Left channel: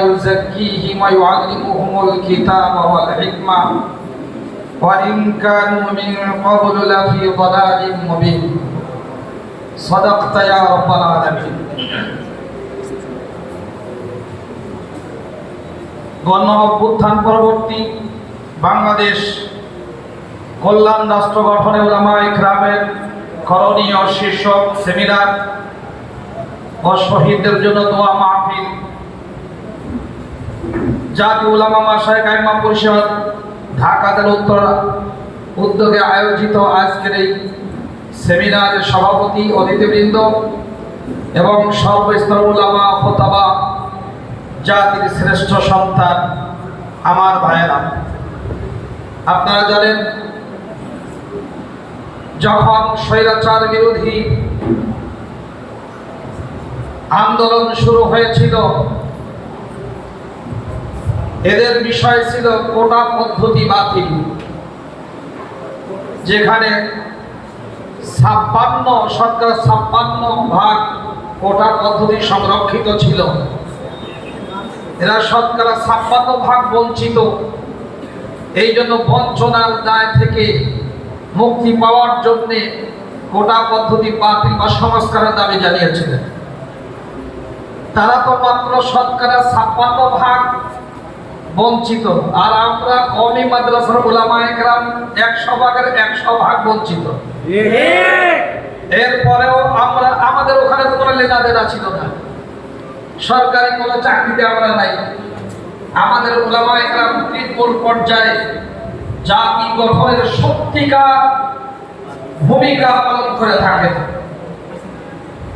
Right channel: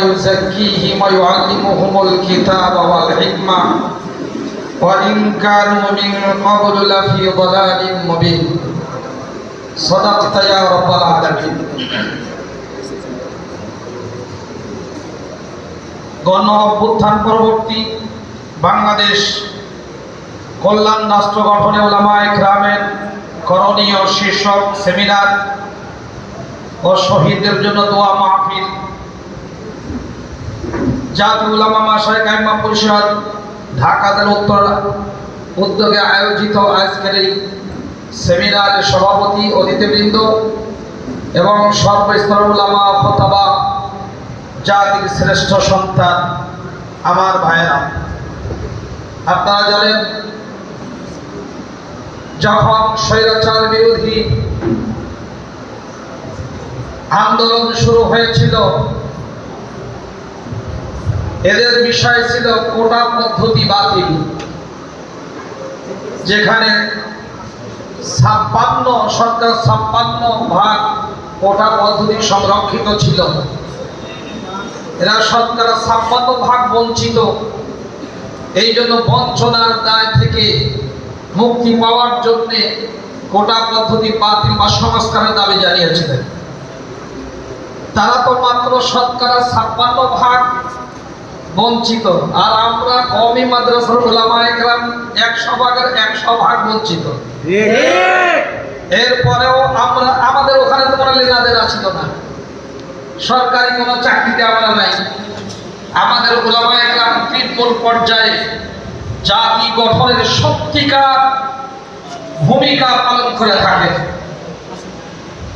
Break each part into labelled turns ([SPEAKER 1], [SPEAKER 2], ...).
[SPEAKER 1] ويزكيهم ويعلمهم الكتاب والحكمة وإن كانوا من قبل لفي ضلال مبين صدقت يا رب العالمين গণ অভ্যুত্থান পরবর্তী বাংলাদেশ কল্যাণ রাষ্ট্র গঠনে ওলামা একরামের করণীয় শীর্ষক সেমিনার ও শহীদদের জন্য দোয়া মাহফিল জাতি উলামা মাসায় কাইমা পরিষদ ঢাকা জেলা উত্তর উদ্যোগে আয়োজিত আজকের এই সেমিনারের সভাপতি অতিথিবৃন্দ এবং সর্বস্তর উলামা ফতবা জাতির শ্রেষ্ঠ সন্তান আমার ভাইয়েরা। আপনারা জানেন, যখন স্বৈরাচার বিরোধী আন্দোলন শুরু হয়েছিল এদের বিষয় ছিল কোটা পদ্ধতি বাতিল, যেখানে ছাপ্পান্ন, সরকার ছাপ্পান্ন ভাগ কোটা পদ্ধতি সংরক্ষিত ছিল। এরা শতকরা ছাপ্পান্ন ভাগ বঞ্চিত। এই জন্য বঞ্চনার দায় থেকে মুক্তি পাওয়ার জন্যে কোটা পদ্ধতি বাতিল বা সংস্কারের দাবি জানিয়েছিলেন। তারা তো মাত্র শতকরা ছাপ্পান্ন ভাগ বঞ্চিত। আর আমরা কমই মাদ্রাসার ওলামা একরাম একশো ভাগের একশো ভাগ বঞ্চিত। এরপরেও আমরা, আমাদের ওখানে তো কোনো লেনাদেনা না। সরকারি কোনো চাকরিতে আমরা নাই। আমাদের ওলামা একরাম তৃণমূল পর্যায়ে জাতি গঠনের সত্যিকার ভূমিকা পালন করে থাকে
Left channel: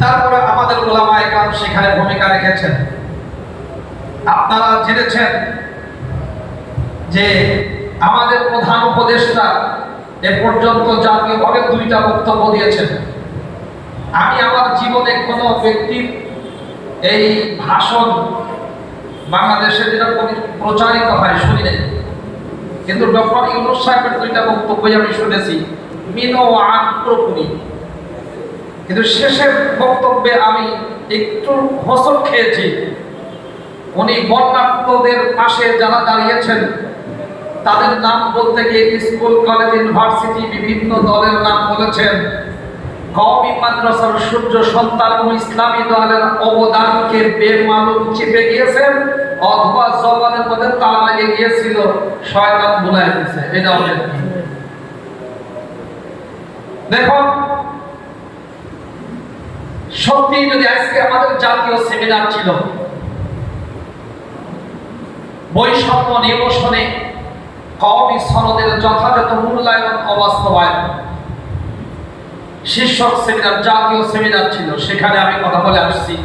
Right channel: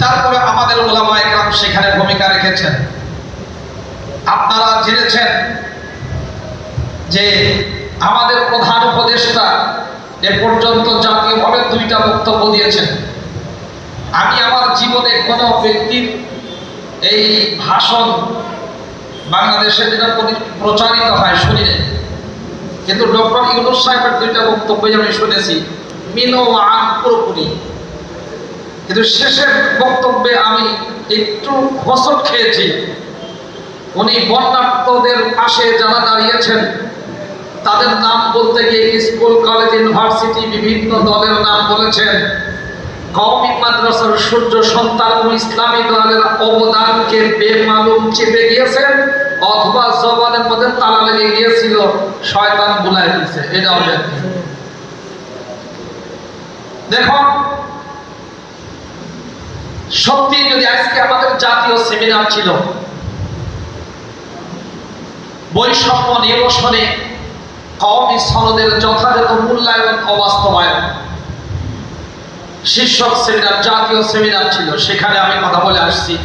[SPEAKER 1] তারপরে আমাদের ওলামা একরাম সেখানে ভূমিকা রেখেছেন। আপনারা জেনেছেন যে আমাদের প্রধান উপদেষ্টা এ পর্যন্ত জাতীয়ভাবে দুইটা বক্তব্য দিয়েছেন। আমি আমার জীবনে কোনো ব্যক্তির এই ভাষণ বাংলাদেশে যেটা পরি- প্রচারিত হয় শুনি নাই। কিন্তু ডক্টর ইউনুস সাহেবের দুইটা বক্তব্যই আমি শুনেছি মিনো আন পুরোপুরি। কিন্তু শেষের বক্তব্যে আমি একটু হোসট খেয়েছি। উনি বন্যার্থদের পাশে যারা দাঁড়িয়েছেন তাদের নাম বলতে গিয়ে স্কুল, কলেজ, ইউনিভার্সিটি বিভিন্ন দলের নাম বলেছেন। কওমি মাদ্রাসার সূর্য সন্তান ও ইসলামী দলের অবদানকে বেমালুম চেপে গিয়েছেন, অথবা জবানের মধ্যে তালা লেগে গিয়েছিল শয়তান বুলাই দিয়েছে এটা হবে দেখুন সত্যি যদি আজকে আমাদের জাতীয় সেমিনার ছিল, বৈষম্য নিরসনে কওমি সনদের যথাযথ মূল্যায়ন অবাস্তবায়ন শীর্ষক সেমিনার, জাতীয় সেমিনার ছিল। সেখানে আমি কথা বলে আসছি।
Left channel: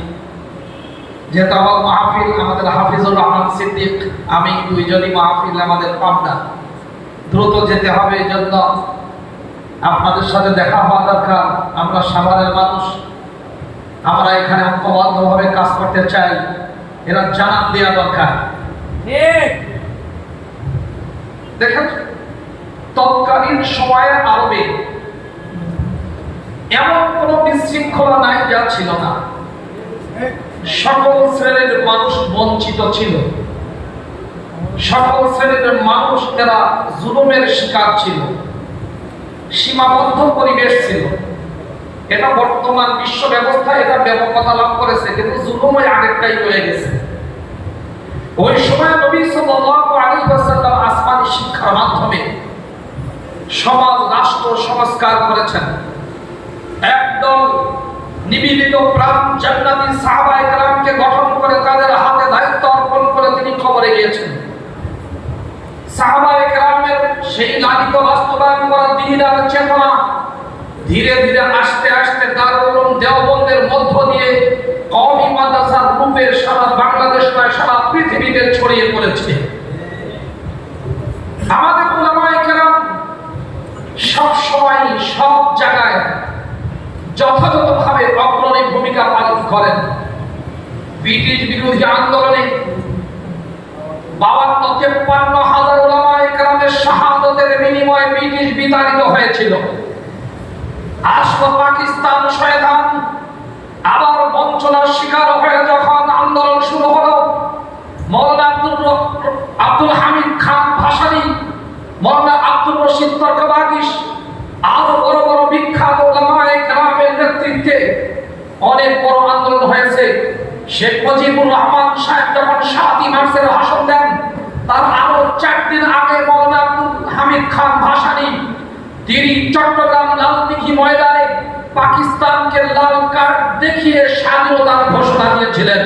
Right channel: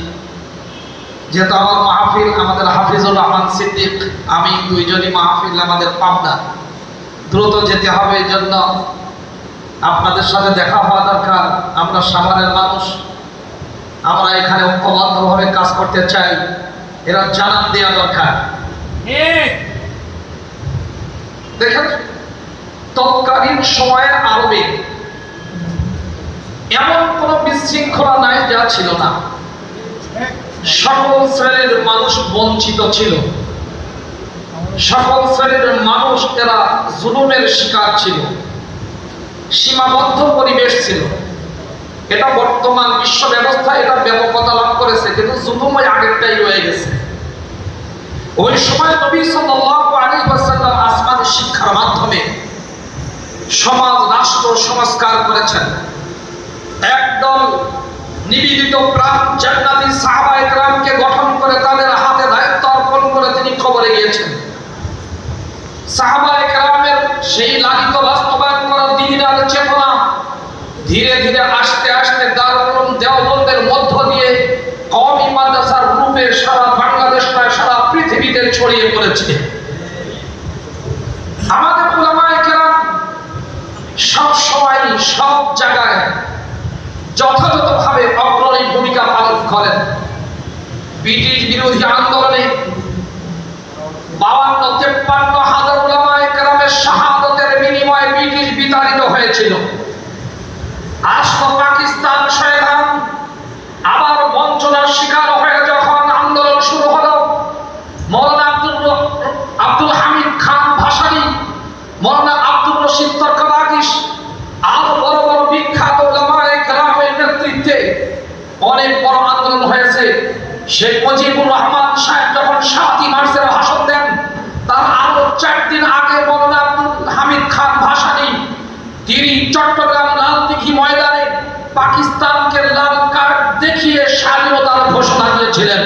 [SPEAKER 1] যেহেতু আমার মাহফিল আমাদের হাফিজুর রহমান সিদ্দিক, আমি দুইজনই মাহফিল আমাদের পাবনা। দ্রুত যেতে হবে এই জন্য আপনাদের সাথে দেখা হওয়া দরকার। আমরা সাভারের মানুষ। আমরা এখানে ঐক্যবদ্ধভাবে কাজ করতে চাই। এরা জানান দেওয়া দরকার। দেখেন, তৎকালীন সময়ে আরবে এমন কোন বিশৃঙ্খলা নাই যা ছিল না। সকল শ্রেণির মানুষ বঞ্চিত ছিল। সকল শ্রেণির মানুষ জুলুমের শিকার ছিল। সীমাবদ্ধ পরিবেশ ছিল। এটা বর্তমান বিশ্ব ব্যবস্থা এটা ব্যাপকতা লাভ করেছে, কিন্তু জুলুম আগেরটাই রয়ে গেছে। ওই সময় নবী সাল্লাল্লাহু আলাইহি ওয়াসাল্লাম আসমানি শিক্ষার মাধ্যমে সমাজ, রাষ্ট্র সংস্কার করেছেন। একদল নিবেদিত প্রাণ জান্নাতি সাহাবা একরামকে গঠন করে তাদের হাতে দায়িত্ব অর্পণ করে তিনি খবরে গিয়েছেন। সাহাবা একরামের সেই লালিত বাস্তবায়ন করা দিন আর চেতনা ধীরে ধীরে আস্তে আস্তে দারুল দেওবন্দের মধ্য দিয়ে কওমি মাদ্রাসার রূপে সারা বাংলাদেশ সারা পৃথিবীতে ছড়িয়ে পড়েছে। আমাদের ওলামায়ে কেরাম সব সময় সব জায়গায় যথাযথভাবে অগ্রণী ভূমিকা পালন করেন। ব্রিটিশ বিরোধী আন্দোলনে বাবান্ন তেপ্পান্ন হাজার ওলামায়ে কেরামের শাহাদতের বিনিময়ে ব্রিটিশ বিতাড়িত হয়েছিল। আসলো পাকিস্তান শয়তান আবার বঞ্চনার শিকার হয়ে যখন আন্দোলন শুরু হলো শেখ মুজিবুর রহমান সাহেব যখন সাতই মার্চের ভাষণ দেন তার আরও চার দিন আগে মৌলানা আব্দুল হামিদ খান ভাসানি তিনি চট্টগ্রাম লালদিঘি ময়দানে পাকিস্তানকে লাল কার্ড দেখিয়ে স্বাধীনতার ঘোষণা দিয়েছিলেন।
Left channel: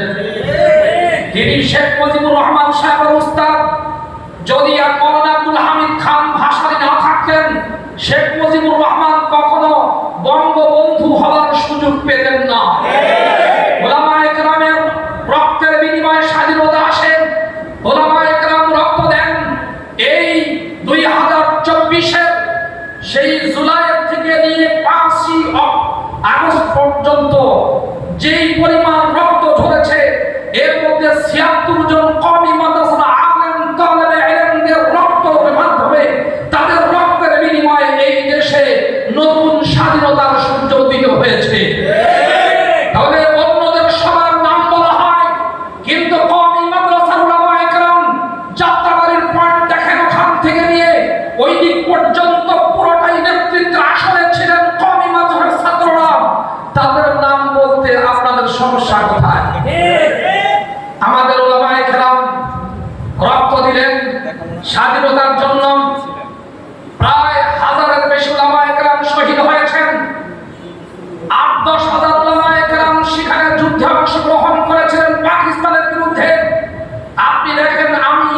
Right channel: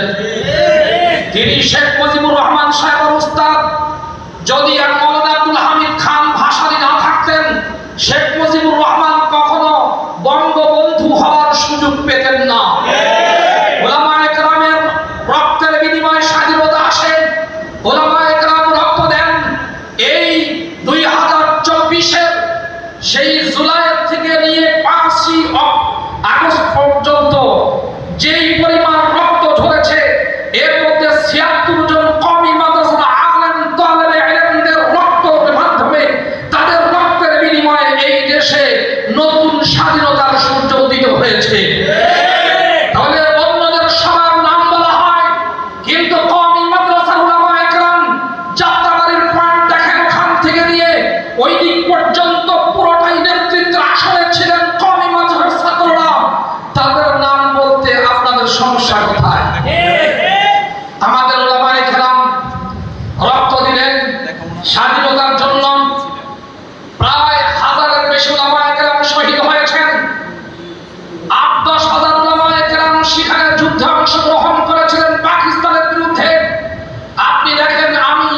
[SPEAKER 1] তিনি শেখ মুজিবুর রহমান সাহেবের উস্তাদ যদি আর মৌলানা আব্দুল হামিদ খান ভাসানী না থাকতেন শেখ মুজিবুর রহমান কখনো বঙ্গবন্ধু হওয়ার সুযোগ পেতেন না ওলামা একরামের রক্তের বিনিময়ে স্বাধীনতা আসে ওলামা একরাম রক্ত দেন এই দুই হাজার চব্বিশের সেই জুলাইয়ের থেকে নিয়ে পাঁচই অক- আগস্ট পর্যন্ত যেই পরিমাণ রক্ত ঝরেছে এর মধ্যে ছিয়াত্তর জন কমি মাদ্রাসার আলেম তালেবে ইলমদের রক্তের মাধ্যমে তাদের রক্তের বিনিময়ে এই দেশে নতুন স্বাধীনতার সূর্য উদিত হয়েছে তাহলে অন্যদের সবার নাম বলা হয় কিন্তু কমি মাদ্রাসার উলামা একরাম যাত্রাবাড়ির পয়েন্ট দেখেন ওখান থেকে নিয়ে ওই দিক পর্যন্ত পুরোটাই নেতৃত্বের আসনে ছিলেন কমি মাদ্রাসার ছাত্ররা তাদের নাম বলতে আপনাদের সমস্যা কোথায় আমাদের ওলামা একরাম রক্ত দিলেন স্বাধীনতার জন্য প্রায় হাজারের বেশি ওলামা একরাম শহীদ হয়েছেন আট দশ হাজার ওলামা একরাম সেখানে যুদ্ধে অংশগ্রহণ করেছিলেন পাকিস্তানের বিরুদ্ধে আপনি দেখেন আমি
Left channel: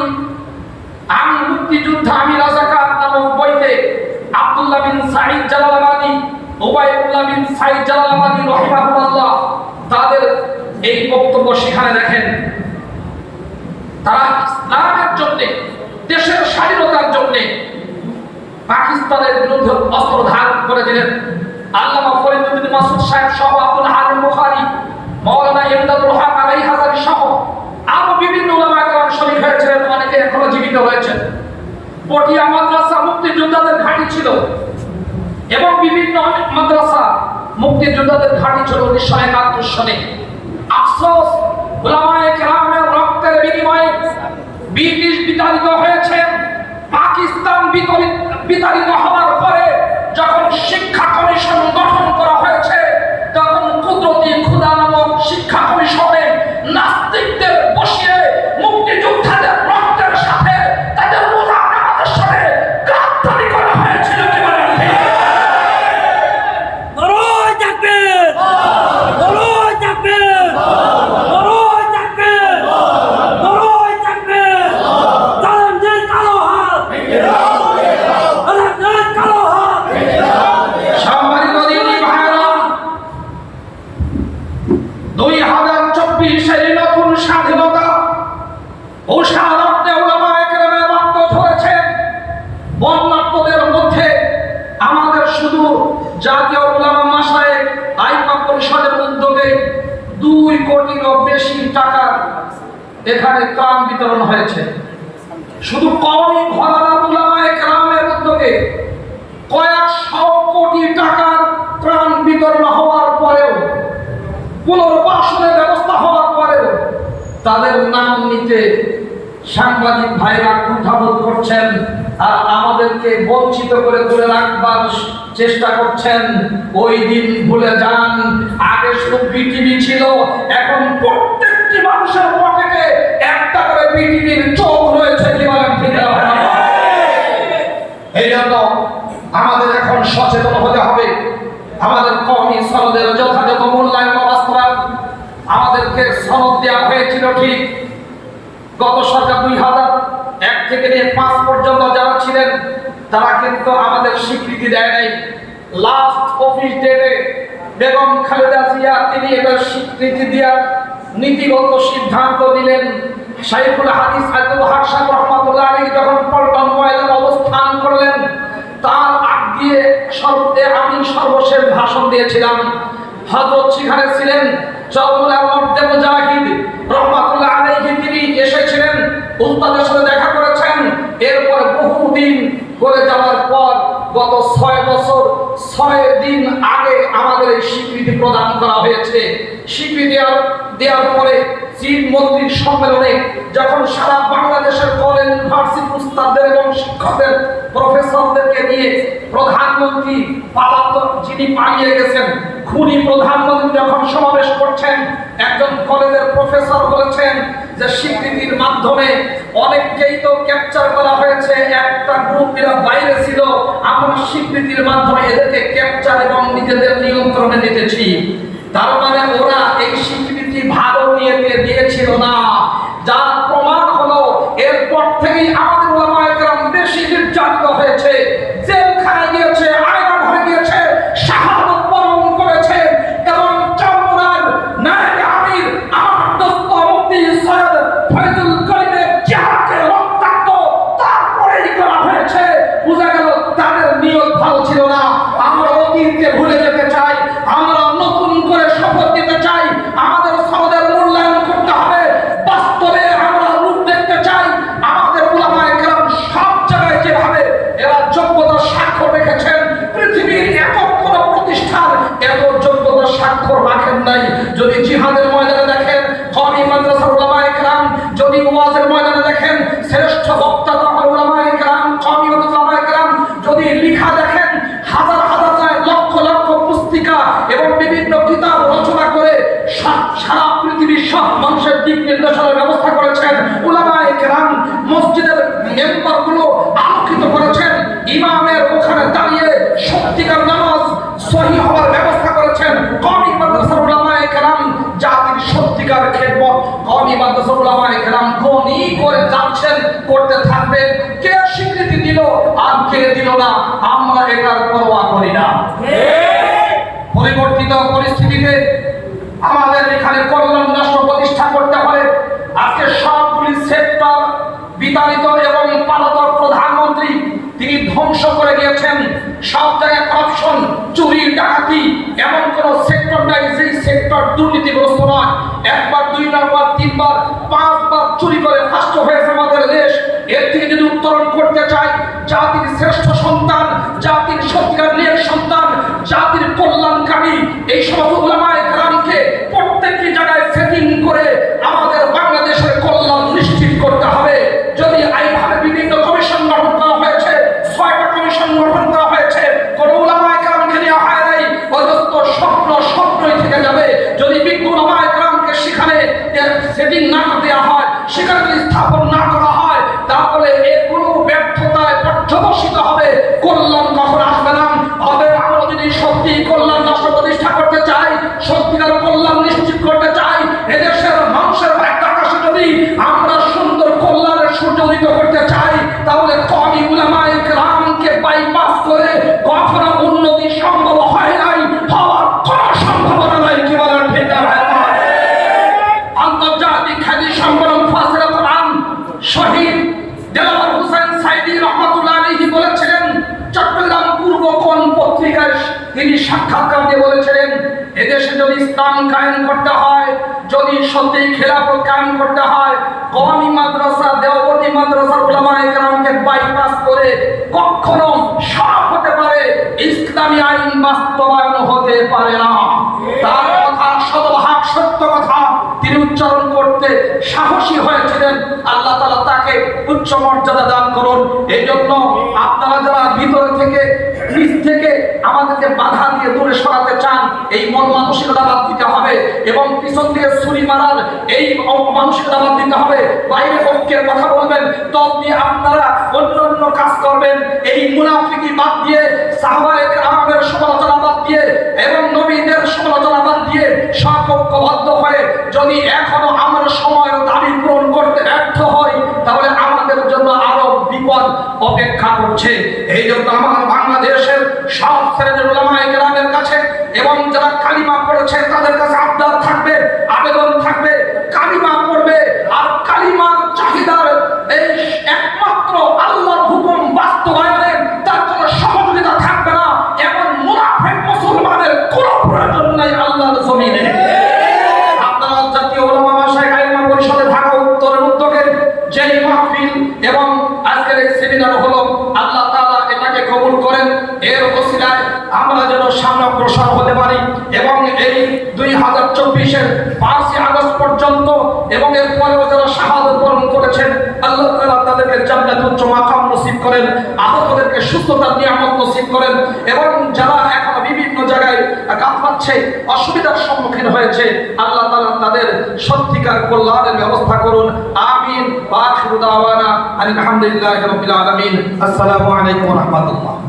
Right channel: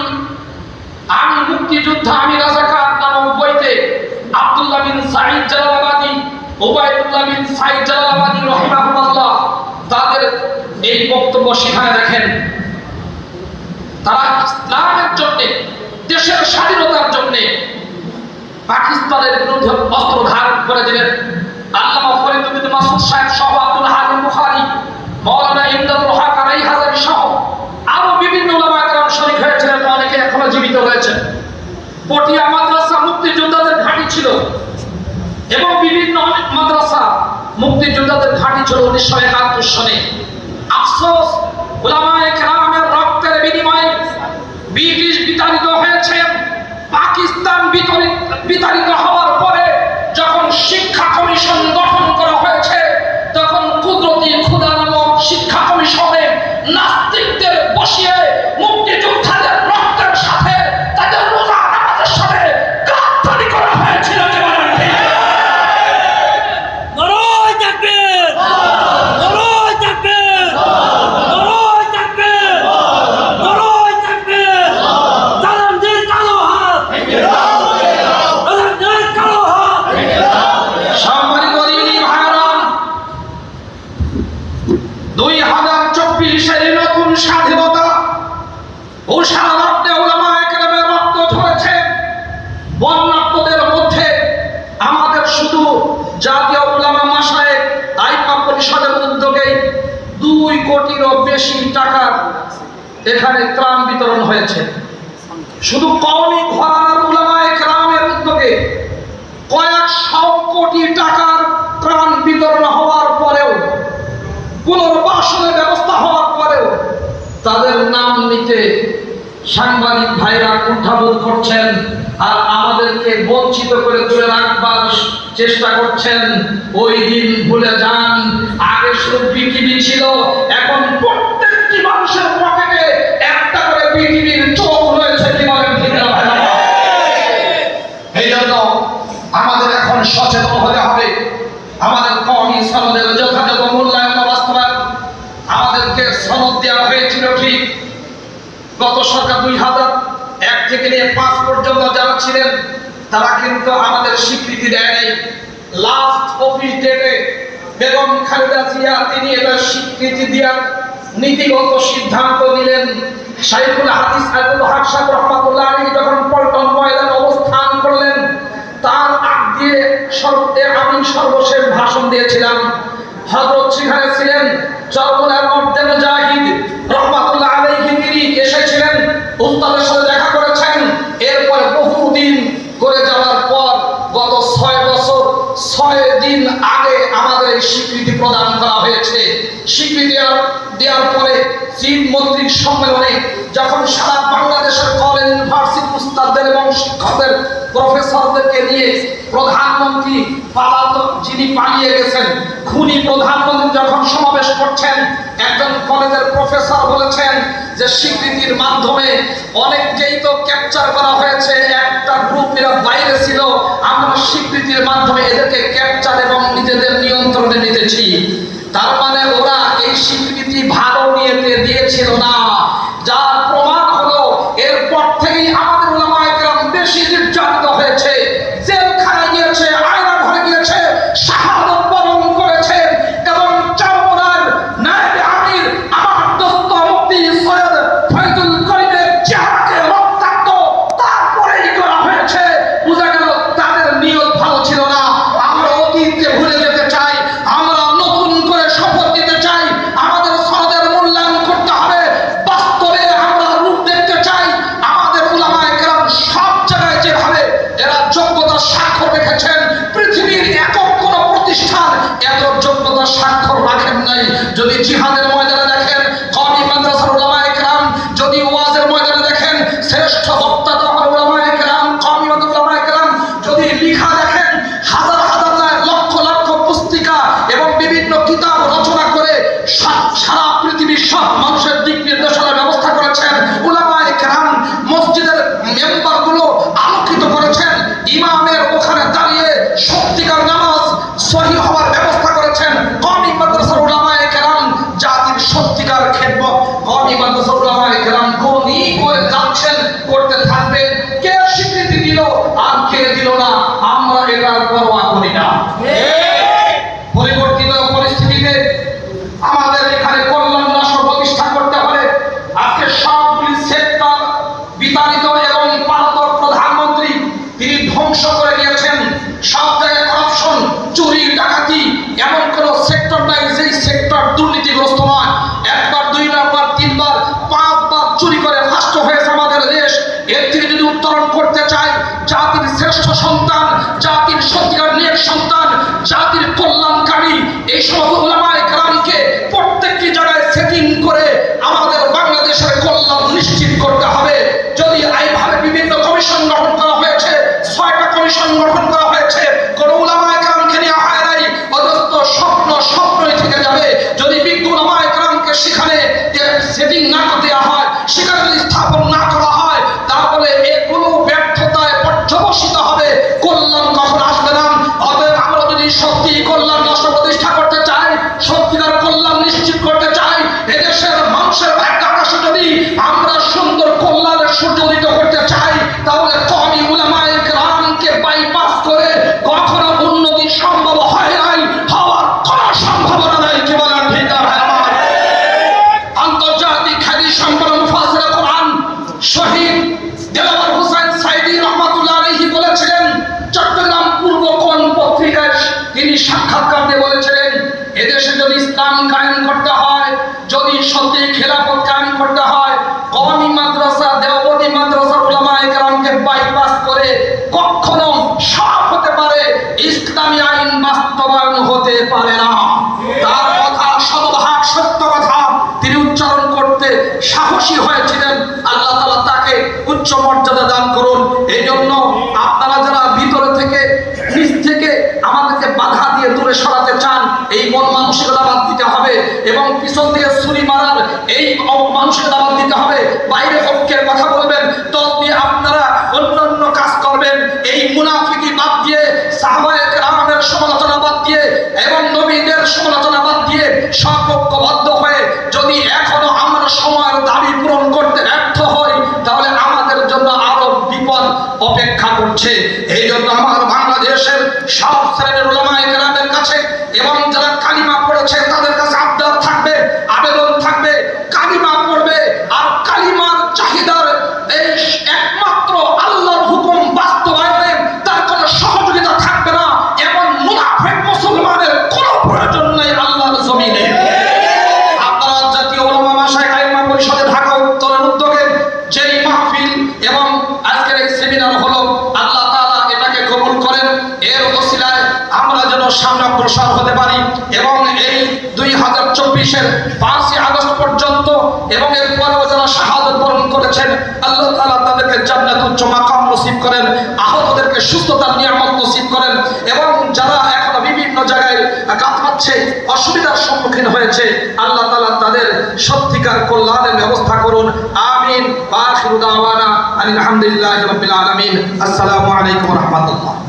[SPEAKER 1] আমি মুক্তিযুদ্ধ আমি রাজাকার নামক বইতে আব্দুল্লাহ বিন সাইদ জালালাবাদী ওবায়দুল্লাহ বিন সাইদ জালালাবাদী রহিমাহুল্লাহ তাদের এই বক্তব্য সেখানে দেখেন। তারা ইসলামের জন্য, দেশের স্বাধীনতার জন্য পাকিস্তানের বিরুদ্ধে অস্ত্র ধারণ করে দিলেন। আল্লামা ফরিদুদ্দিন মাসুদ সাহেব সহ আব্দুল হালিম ঘাঁটি ছিল উনিশশো একাত্তর সনে আফসোস ওলামায়ে কেরামের রক্তের বিনিময়ে ব্রিটিশ বিতাড়িত হয়েছে, পাকিস্তান বিতাড়িত বেশি টাকার এখানে ত্রাণ বিতরণ হয়েছে। শুধু কমই ঘরানার একরামের উদ্যোগে কয়েকশো কোটি টাকার ত্রাণ বিতরণ হওয়ার পরেও, পুনর্বাসনের ব্যবস্থা হওয়ার পরেও তাদের নাম নিতে সাংবাদিক ভাইরা কুণ্ঠাবোধ করছেন আর আমাদেরকে বঞ্চিত করে তুলে রাখবার চেষ্টা করছেন, ওই দিন ভুলে যান। আগে শুধু পৃথিবী ছিল, এখন প্রত্যেকটি মানুষের পকেটে একটা করে পৃথিবীর চোখ রয়েছে কি বলেন এই জন্য আমাদের এখন সচেতন হতে হবে। আমাদের কমি সনদের যথাযথ মূল্যায়ন বাস্তবায়ন আমাদেরকে সনদ দেওয়া হয়েছিল ঠিক। গত সরকার দুই হাজার এক থেকে নিয়ে পাঁচ পর্যন্ত যারা ছিলেন তারা কিন্তু আমাদের স্বীকৃতি দেয় নাই। লাস্ট অফিস ডেটে বেগম খালেদা জিয়া, তিনি এটা স্বীকৃতি দেওয়ার নীতিগত সিদ্ধান্ত নিলেন। শাইখুল হাদিস আব্দুল হক সাহেব রহমাতুল্লাহ আলাইহি যখন পল্টন ময়দানে অবস্থান করলেন, তার আগ দিয়ে সর্বে আমি সর্বশেষ ভাষণ দিয়েছিলাম। হযরত সেখানে ছিলেন চরমনার মধ্যে মুজাহিদ, রহমাতুল্লাহ আলাইহি তিনি এসেছিলেন। উস্তাদের সাথে দেখা করেছেন এরপর বহুদিন করে যাওয়ার পর গত ছয় বছর ছয় দিন আগে আমাদের এই স্বীকৃতি প্রদান করা হয়েছে। স্বীকৃতি দেওয়ার- পরে চীন মন্ত্রীর সম্মেলনে যখন সারা বাংলাদেশের কলেজ ইউনিভার্সিটি উস্তাদদের এবং শিক্ষকদের প্রফেসরদেরকে নিয়ে প্রধানমন্ত্রী পালাতক যিনি পালিয়ে গেছেন, খুনি প্রধানমন্ত্রী যখন সমাবেশ করছেন, একজন কলেজের প্রফেসর বলেছেন যে স্বীকৃতির মাধ্যমে অনেককেই তো ক্যাপচার করা হয়েছে, একটা গ্রুপ এরা বাইরে ছিল, আমরা স্বীকৃতির মাধ্যমে এদেরকে ক্যাপচার এবং নিজেদের নিয়ন্ত্রণে নিতেছি। তার মানে ওরা এই স্বীকৃতি ভালো কায়েম করতে হয়। যদি সত্যি খেলাফত কায়েম করতে হয় কওমি মাদ্রাসা, দেওবন্দি মাদ্রাসার উলামায়ে কেরামকে বাইপাস করে কখনো সব হতে পারে, ইসলামী আইন বাস্তবায়ন হতে পারে না। তার কথা শতভাগ সত্য কথা তিনি উচ্চারণ করতে সাহসী হয়েছিলেন। আল্লাহ তালা তাকে উচ্চ মর্যাদা দান করুন। এই জন্য আপনারা যারা ভিতরে থেকে নিজ থেকে আমাদেরকে বাধা দিয়ে দূরে সরাতে চান, এই মন মানসিকতা বাদ দিতে হবে। এবং পিছন দিয়ে ছুরি মারার এই মানসিকতা বাদ দিতে হবে। বাইরে পক্ষের কথা বলবেন, দল নিয়ে আপনারা অন্য অন্য কাজ করবেন। এই মুনাফিকি বাদ দিয়ে সাহবায়ক রামের সমালোচনা বাদ দিয়ে এবং নবীদের সমালোচনা বাদ দিয়ে সপক্ষবদ্ধ হয়ে যদি এখনও আমরা সময়ের দাবি পূরণ করতে ব্যর্থ হই, তাহলে আমাদের জন্য আরও বিপদ অপেক্ষা করছে। এই জন্য আমার বাংলাদেশের এবং যারা কালিমা পড়েছে তাদের কাছে আবদার থাকবে, আবেদন থাকবে, কালিমা পড়বে, আর কালিমার চাহিদার এই একমাত্র আল্লাহর হুকুম বাস্তবায়নে তার কোনো সহযোগিতা থাকবে না। এমন মুনাফেক মুসলমানের কোনো প্রয়োজন নেই আল্লাহর জমিনে। আপনারা জাতীয় ওলামা মাসায় কালিমা পরিষদে ঢাকা উত্তরের উদ্যোগে যেই মাহফিল এবং আজকের এই সেমিনার হলো, আল্লাহ তাআলা এটাকে কবুল করেন। এর করতে পারি এবং এই দুই হাজার চব্বিশের পাঁচই আগস্ট পর্যন্ত এবং এরপরেও যারা শাহাদত বরণ করেছেন, আল্লাহ তালা তাদেরকে জান্নাত উচ্চ মাকাম নসিব করেন, আহতদেরকে সুস্থতার নিয়ামত নসিব করেন এবং যারা এখনও বিভিন্ন জায়গায় কাত পাচ্ছে অসুবিধার সম্মুখীন হয়েছে, আল্লাহ তালা তাদের সত্যিকার কল্যাণের ব্যবস্থা করুন। আমিন। বা আলহামদুলিল্লাহ রবিল আলমিন। আসসালামু আলাইকুম রহমতুল্লাহ।